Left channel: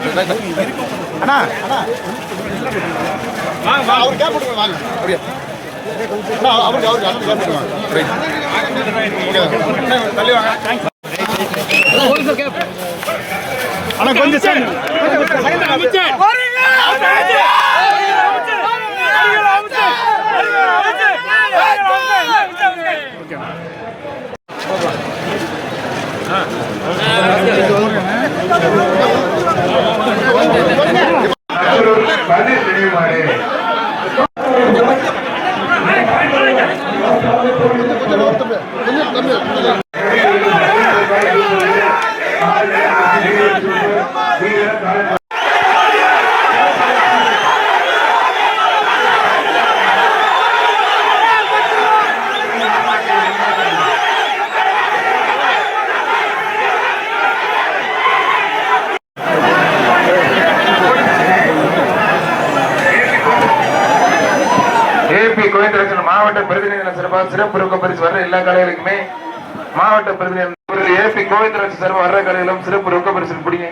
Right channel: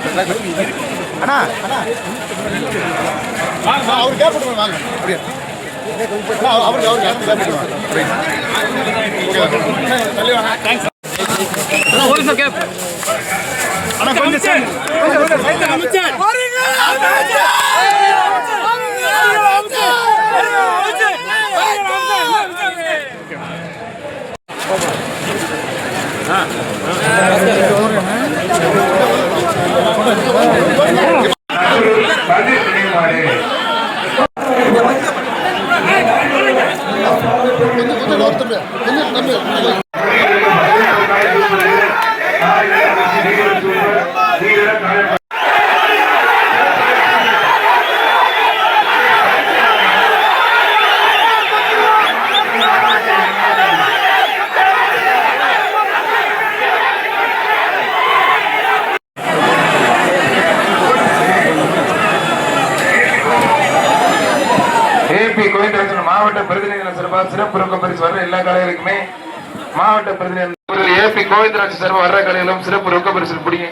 அண்ணா அண்ணா வாங்க hour gap போட்டுருங்க வாங்க அப்படியே அவருக்கு தள்ளி வாங்க அண்ணா கொஞ்சம் சார் கோவிந்தராஜன் மாவட்ட பிரதிநிதிகள் சிறப்பாக சிறப்பு ரொக்க பரிசு வர்ற எல்லா கலைகளுக்குமே மாவட்ட பிரதிநிதி ஏபி கோவிந்தராஜன் சிறப்பாக வர்ற கலைகளும் சிறப்பு ரொக்க பரிசு பிடிங்க.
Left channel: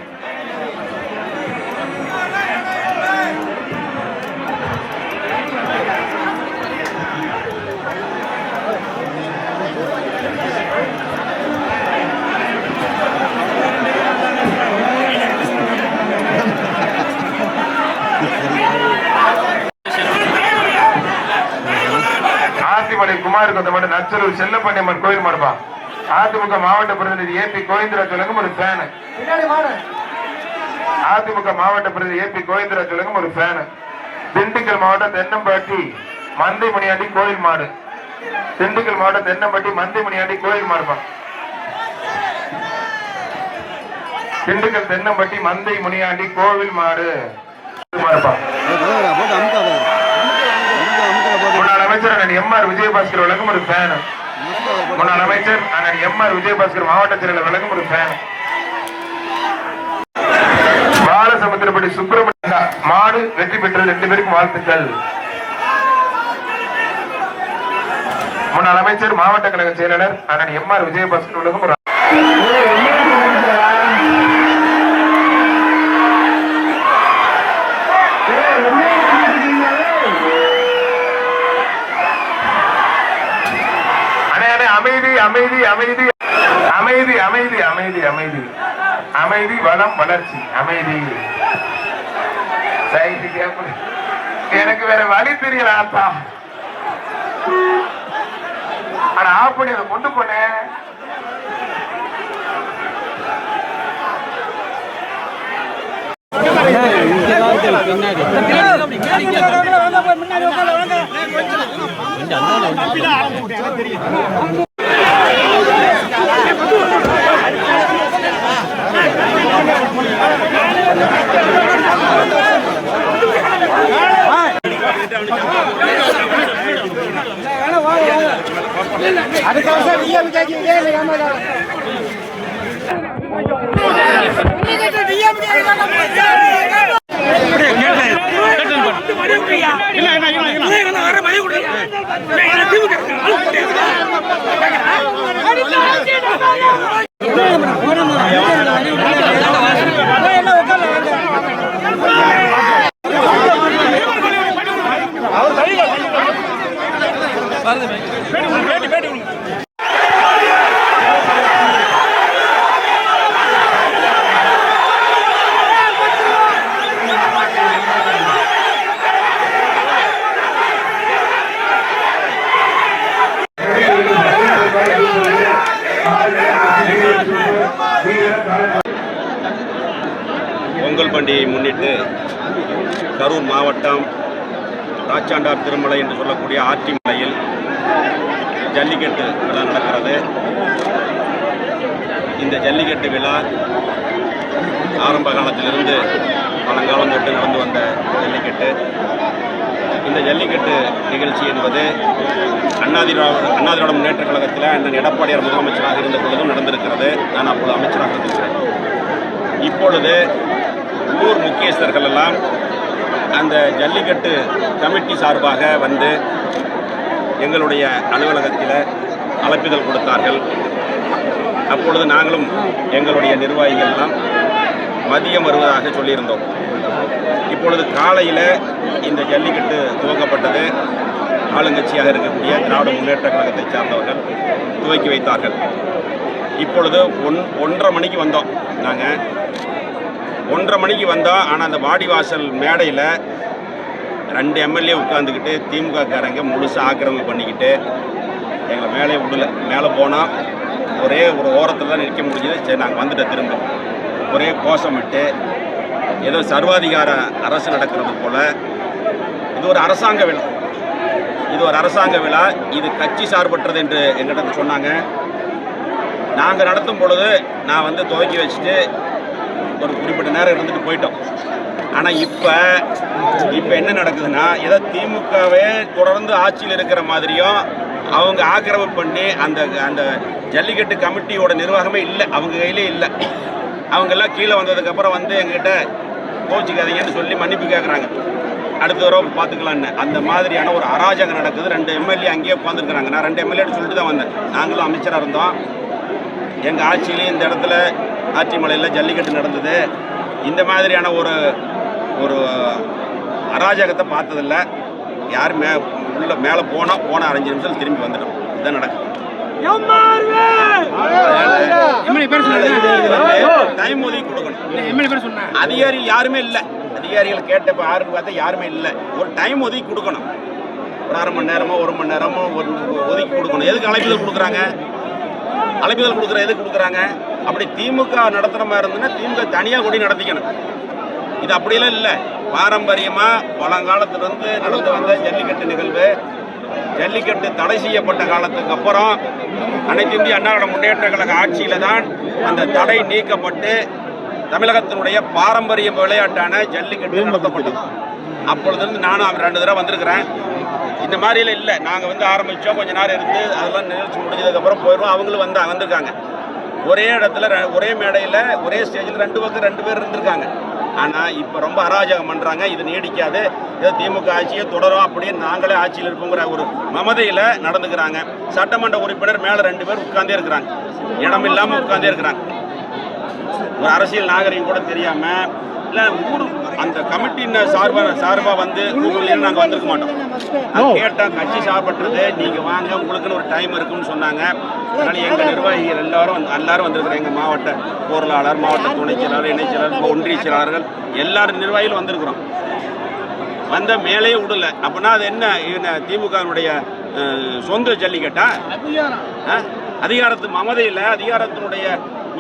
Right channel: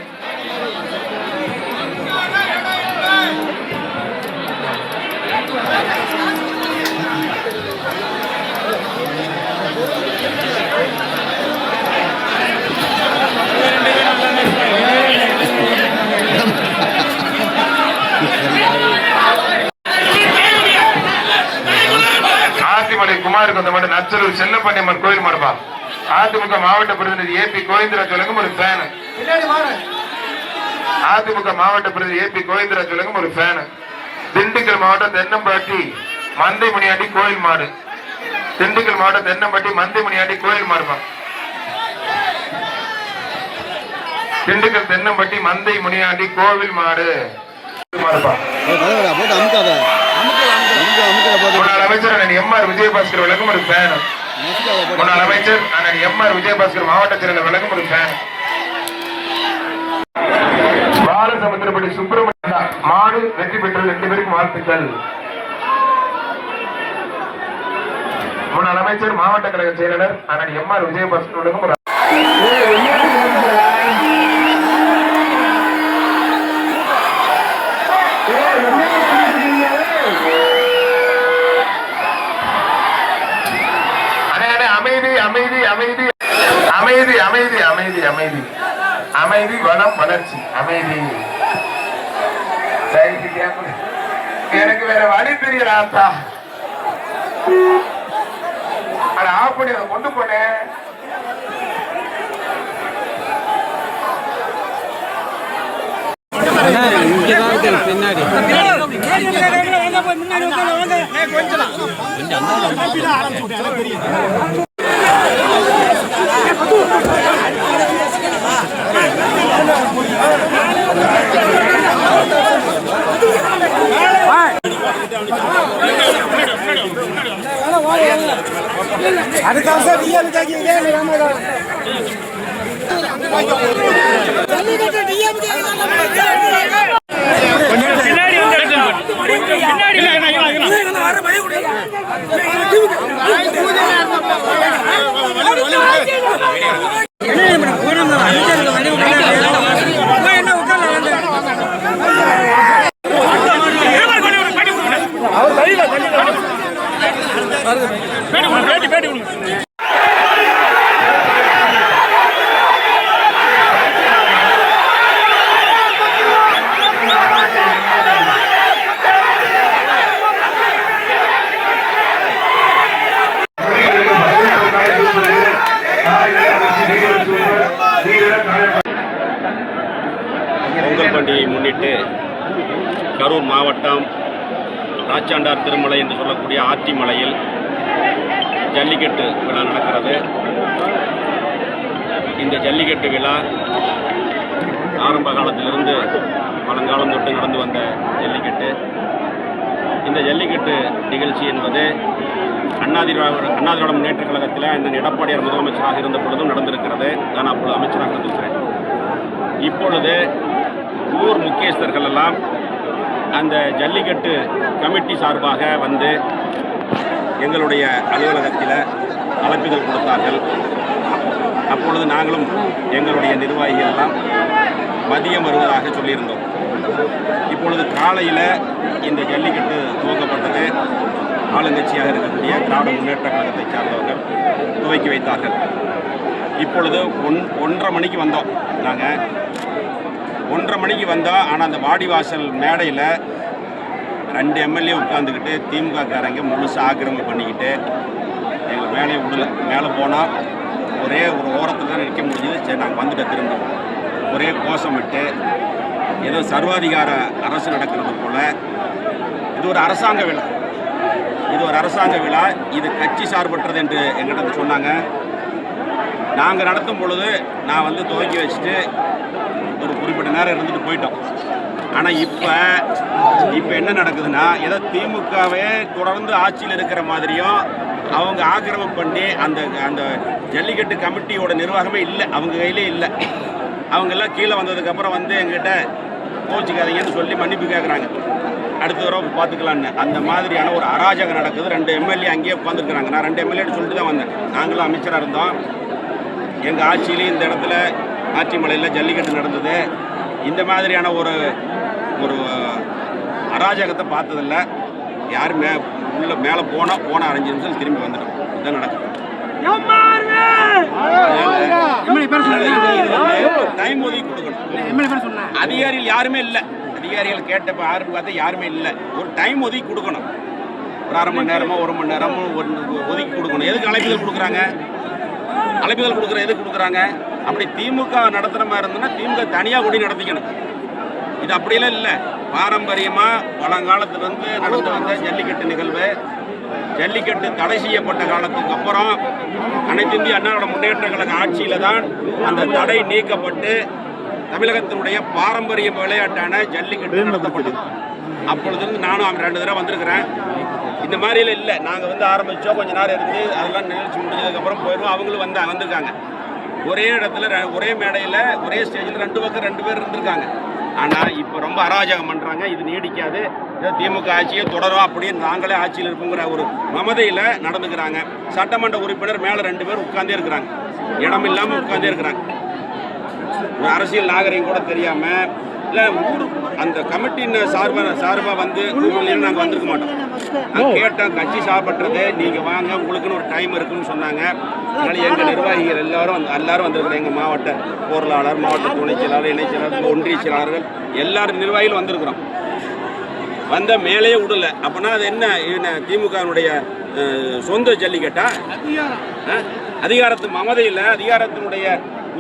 குமார் கொந்தமண்ட நச்சலூர் செல்லப்பண்ணியம்மன் கோயில் மடப்பா அதிமுக மாவட்ட பிரதிநிதி ஏபி கோவிந்தராஜ் வழங்கும் ஒரு ஃபேன். அதிமுக மாவட்ட பிரதிநிதி ஏபி கோவிந்தராஜ் வழங்கும் ஒரு ஃபேன். திண்டுக்கல் மாவட்டம் தென்னம்பட்டி மந்தை முனியாண்டி கோயில் மாடு. திண்டுக்கல் மாவட்டம் தென்னம்பட்டி மந்தை முனியாண்டி கோயில் மாடுப்பா. திண்டுக்கல் தென்னம்பட்டி மந்தை முனியாண்டி கோவில் மாடு மாடுப்பா. முன்னாள் அமைச்சர் அண்ணன் எம்.ஆர். விஜயபாஸ்கர் வழங்கும் ஒரு ஃபேன். முன்னாள் அமைச்சர் அண்ணன் எம்.ஆர். விஜயபாஸ்கர் மாவட்ட செயலர் வழங்கும் ஒரு ஃபேன். பாலசமுத்திரப்பட்டி சுப்பிரமணிய மாடு வெற்றி பெற்றது 2 பேருக்கும் வாழ்த்துக்கள். முன்னாள் அமைச்சர் மாவட்ட கழக செயலாளர் அண்ணன் எம்.ஆர். விஜயபாஸ்கர் வழங்கும் ஒரு அமைதி அமைதி அமைதி அமைதி அமைதி அமைதி அமைதி அமைதி வளம் வளர்ச்சி அமைதி. எனக்கு வேற வழி தெரியல ஆத்தா. ஆனா ஆஃப் பண்ணி அதை கொண்டு போனேன். பின்னாடி பொங்கல் பண்டிகையை முன்னிட்டு கரூர் மாவட்டம் ராச்சாண்டார் திருமலை என்று சொல்லக்கூடிய ஆற்றிமலையில் ஜல்லிக்கட்டு விழா நடக்கிறது. இந்த ஜல்லிக்கட்டு விழா ஆரம்ப காலத்திலிருந்து பழங்காலம் தொட்டு நடந்து வந்த ஜல்லிக்கட்டு. இந்த ஜல்லிக்கட்டு நிகழ்ச்சி என்பது அண்ணா திராவிட முன்னேற்ற கழகத்தில் அண்ணன் எடப்பாடியார் முதலமைச்சராக இருந்த பொழுதும் நடந்திருக்கிறது. நான் அப்போது அமைச்சராக இருக்கிறேன். இப்பொழுது உள்ளூர் முக்கியஸ்தர்கள் எல்லாம் அந்த ஜல்லிக்கட்டு கமிட்டி சார்பாக வந்து எங்களுடைய அலுவலகத்தில் அழைப்புதல் கொடுத்தார்கள். அப்பொழுது நாங்களும் எங்களுடைய நிர்வாகிகள் எல்லாம் மதியம் வருவதாக சொல்லியிருந்தோம். இப்பொழுது காலையில் இந்த ஜல்லிக்கட்டு துவக்கப்பட்டது. ஆளுங்கட்சியாக இருக்கக்கூடிய திராவிட முன்னேற்ற கழகத்தை சார்ந்தவர்கள் துவக்கி வைத்தார்கள். இப்பொழுது 1:30 மணிக்கு வந்தோம். நாங்கள் 1:30 மணிக்கு வந்தோம். ஆனால் அந்த வாடிவாசல் மேடையில் 2 எம்எல்ஏ உட்காந்துக்கிட்டு திமுககாரங்க முழுசாக ஆக்கிரமிப்பு பண்ணிக்கிட்டு எங்களை மேலே விடல. மேலே போனால் ஒரே ஒரு ஓரத்தில் தான் நிற்க முடிஞ்சது. சரி, நாங்கள் வந்துட்டு திரும்ப ஒரே கோஷமிட்டு ஏதோ சர்வாதிகார அரசு நடக்கிறது போல். இது ஒரு அரசாங்க விழா, இது ஒரு அரசாங்க விழா, இது கட்சி சார்பற்றது என்று எங்கிட்ட சொன்னாங்க. நாங்கள் நடத்தும் பொழுது நான் வந்து துவக்கி வச்சுட்டு ஒரு குறிப்பிட்ட நேரம் இருந்துட்டு போயிட்டோம். ஆனால் இப்போ என்ன நடக்குதுன்னா, ஏதோ திமுகவே தொடர்ந்து ஆட்சியில் இருக்கிற மாதிரியும் அவங்க ஆக்கிரமிப்பு பண்ணி அந்த ஜல்லிக்கட்டு கமிட்டியோட நிர்வாகமே இல்லை, அவங்க கையிலே இல்லை. அவங்கெல்லாம் கீழே வந்ததுக்கப்புறம் வந்து எங்ககிட்ட கோச்சிக்காதீங்கன்னு சொல்லி மன்னிப்பு கேட்குறாங்க. அடுத்த தடவை பார்த்துக்கலான்னு. அந்த மாதிரியான ஒரு அராஜகம் நடக்குது. 2 எம்எல்ஏ அங்கேயே உட்காந்துருக்குறாங்க. நான் 2 எம்எல்ஏ சொல்லிட்டு தான் வந்தேன். நாங்களும் அமைச்சராக இருந்தோம். எங்கள் ஆட்சியிலேயும் இந்த இடத்துல ஆட்சிமலையில் ஜல்லிக்கட்டு நடந்தது. இந்த மாதிரியான ஒரு அராஜகத்தை பார்த்ததில்ல. யார் மேலே போன 5 நிமிஷம் திரும்பி வந்துட்டோம். இதுதான் நடக்குது. டைம் ஒதுக்கி கொடுக்கணும். அதிகாரிகள் யாருமே இல்லை. அதிகாரிகள் கேட்டப்ப யாருன்னு பார்த்தா யாருமே இல்லை. ஒரு டைம் ஒதுக்கி கொடுக்கணும். ஒரு 1/2 மணி நேரமோ 1 மணி நேரமோ ஒதுக்கி கொடுக்கணும். எதுக்கு அழைப்புதல் கொடுக்குறாங்க? அழைப்புதல் எதுக்கு கொடுக்குறாங்க? அப்படி திமுக நடத்துகிற மாதிரி இருந்ததுன்னா திமுக தனியாக கூடி நடத்திக்கணும். இது அப்படியெல்லாம் இல்லை. பாரம்பரியமாக பழங்காலத்திலிருந்து நடந்து வந்த ஜல்லிக்கட்டு நிகழ்வு. ஜல்லிக்கட்டு தடை செய்யப்பட்ட காலத்துக்கு அப்புறம் அனைத்து இந்திய அண்ணா திராவிட முன்னேற்ற கழக ஆட்சியில் தான் அந்த தடை நீக்கப்பட்டு தமிழகத்தினுடைய பாரம்பரிய விளையாட்டான ஜல்லிக்கட்டு நடத்தப்பட்டது. அப்பொழுதுலேருந்து நானும் 2 தடவை வந்திருக்கிறேன். இந்த மாதிரிலாம் இல்லை. நாங்கள் வந்து ஆரம்பித்தோம், கொஞ்சம் நேரம் இருந்து அதெல்லாம் நிகழ்ச்சி முடிஞ்சதுக்கப்புறம் போயிடுவோம். அவங்களும் வந்திருக்காங்க. ஒரே இடத்துல ஒரே மேடையில் ஒரே ஸ்டேஜில் 2 பக்கம் 2 பேர் இருந்திருக்காங்க. ஆனால் இப்போ ரொம்ப அராஜகம் பண்ணுறாங்க. இது நீடிக்காது. ஏதோ திமுக ஆட்சியை தொடரும் அப்படின்னு நாங்களே ஆட்சியில் இருப்போங்கிற ஒரு மமதையில் நடந்துக்கிறாங்க. சட்டமன்ற உறுப்பினர் மேலே 2 பேர் உட்கார்ந்தே இருக்கிறாங்க. இடம் இல்லாமல் உட்கார்ந்தே இருக்கிறாங்க. ஒரு அரசியல் நாகரிகம் கூட தெரியாமல் இல்லை. ஊர் அந்த கமிட்டியின் சார்பாக வந்து கூகுள்லேயும் நாங்கள் வந்திருக்க மாட்டோம். நாங்கள் கேட்டோம், கட்சி சார்பற்றது, நீங்கள் வாங்க, உங்களுக்குன்னு ஒரு டைம் இருக்குன்னு சொன்னாங்க. அதனால் எங்கள் நிர்வாகிகள் எல்லாரும் வந்திருக்கிறோம். எங்கள் மாவட்ட பொருளாளர், மாவட்ட துணை செயலாளர், இணைச் செயலாளர், ஒன்றிய செயலாளர்கள் எல்லாரும் நிர்வாகிகள் வந்திருக்கிறோம். வந்த மேலேயே விடல. அப்படின்னா அது என்ன திமுகனுடைய சொந்த ஜல்லிக்கட்டா? அதிகாரத்து மமதையில் அதிகாரத்தினுடைய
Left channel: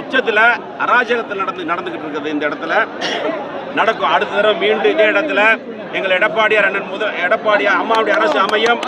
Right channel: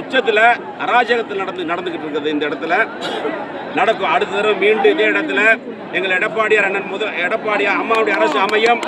உச்சத்தில் அராஜகத்தில் நடந்துக்கிட்டு இருக்குது. இந்த இடத்துல நடக்கும். அடுத்த தடவை மீண்டும் இதே இடத்துல எங்கள் எடப்பாடியார் அம்மாவுடைய அரசு அமையும்.